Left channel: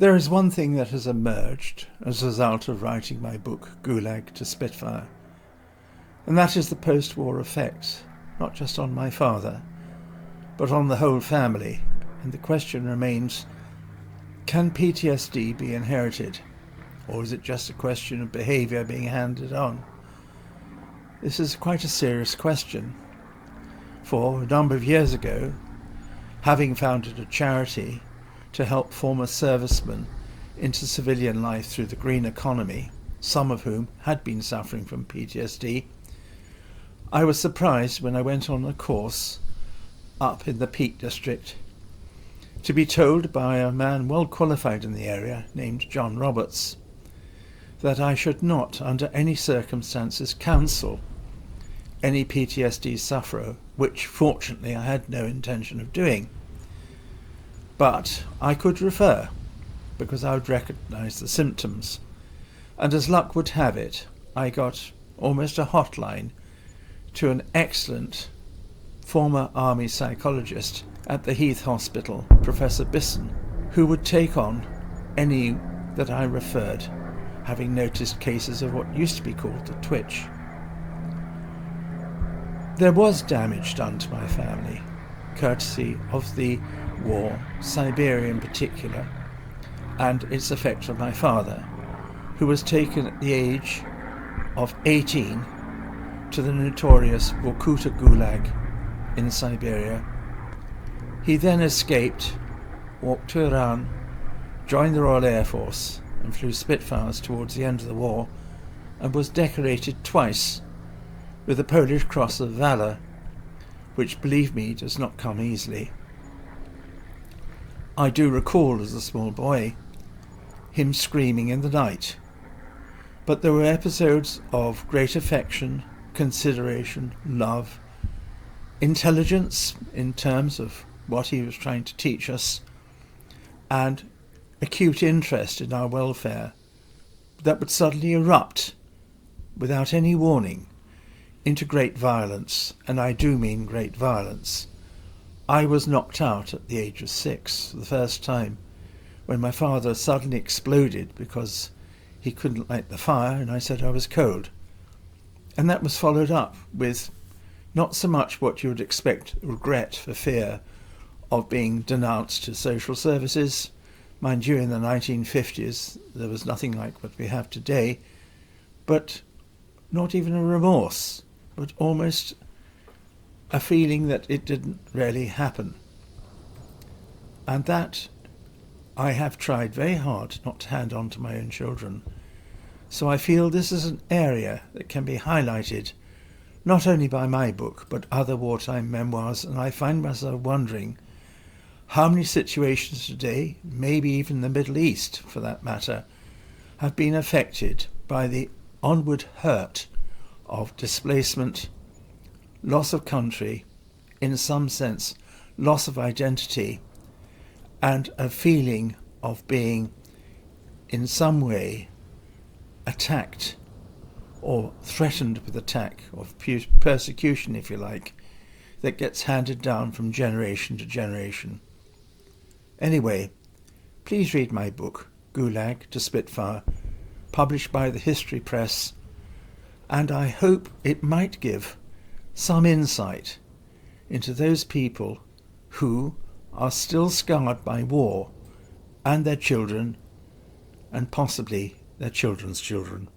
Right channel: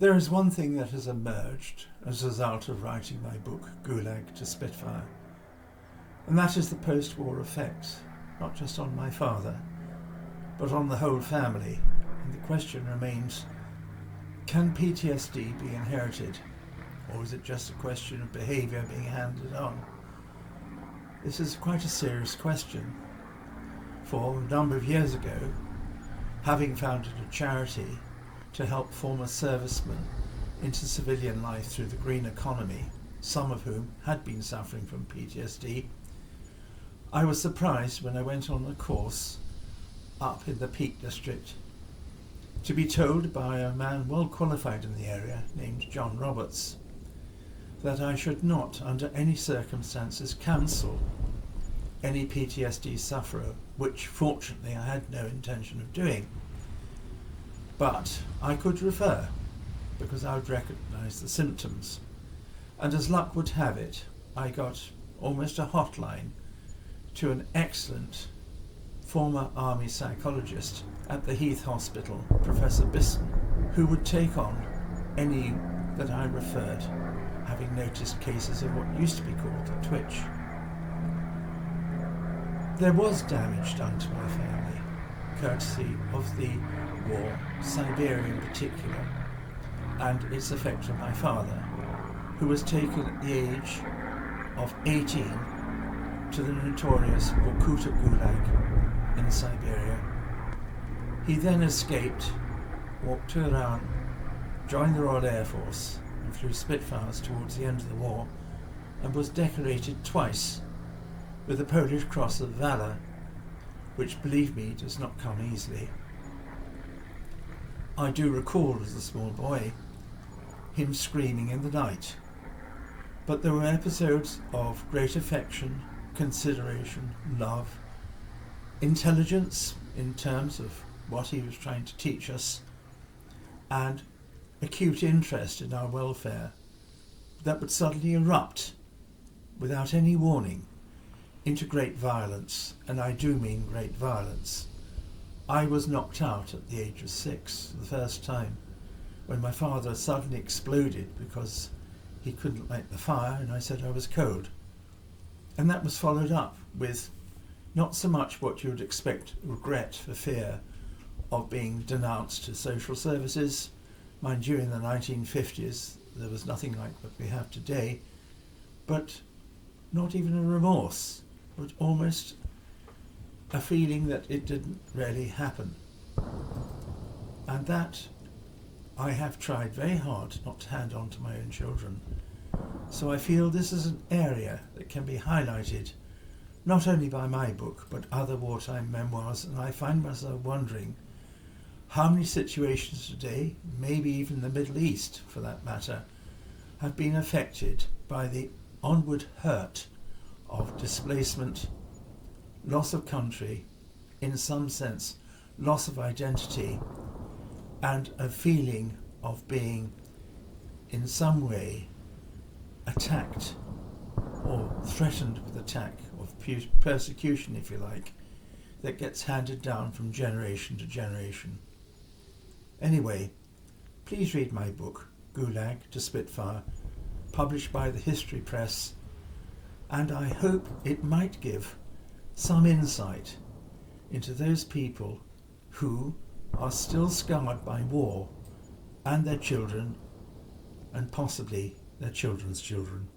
There is one thing that has emerged as a result of writing my book, Gulag to Spitfire, and that is the post-war effects, not just on my father, but on the whole family. And the question remains, can PTSD be inherited, or is it just a question of behaviour being handed on? This is quite a serious question, for a number of years ago, having founded a charity to help former servicemen into civilian life through the green economy, some of whom had been suffering from PTSD, I was surprised when I went on a course up in the Peak District to be told by a man well qualified in the area named John Roberts that I should not, under any circumstances, counsel any PTSD sufferer, which fortunately I had no intention of doing. But I could refer, because I would recognise the symptoms. And as luck would have it, I got almost a hotline to an excellent former army psychologist at the Heath Hospital, Professor Bisson, who would take on any that I referred, having noticed cases of what used to be called the twitch. There was damage done to my family, courtesy of the war, Siberia in particular, and its effect on my father, who was taken at the age of 18 to the notorious Vorkuta Gulag in Siberia. He then escaped, walked to Iran, joined the Royal Air Force and flew Spitfires towards the end of the war, and was decorated twice with the Polish Cross of Valour, which, believe me, does not come easily. I do recall, as a small boy, him screaming in the night, but there were episodes of great affection, consideration, love, intelligence in terms of what he was trying to teach us, and acute interest in our welfare that would suddenly erupt without any warning into great violence, and I do mean great violence. I was knocked out at the age of 6, the first time, when my father suddenly exploded because he couldn't light the fire, and I said I was cold. And that was followed up with not so much what you would expect, regret for fear of being denounced to social services. Mind you, in the 1950s, there was nothing like what we have today, but not even a remorse, but almost a feeling that it didn't really happen. And that I have tried very hard not to hand on to my own children. So I feel this is an area that can be highlighted not only by my book, but other wartime memoirs, and I find myself wondering how many situations today, maybe even the Middle East for that matter, have been affected by the onward hurt of displacement, loss of country, in some sense, loss of identity, and a feeling of being in some way attacked or threatened with attack, of persecution, if you like, that gets handed down from generation to generation. Anyway, please read my book, Gulag to Spitfire, published by the History Press, and I hope it might give some insight into those people who are still scarred by war, and their children, and possibly their children's children.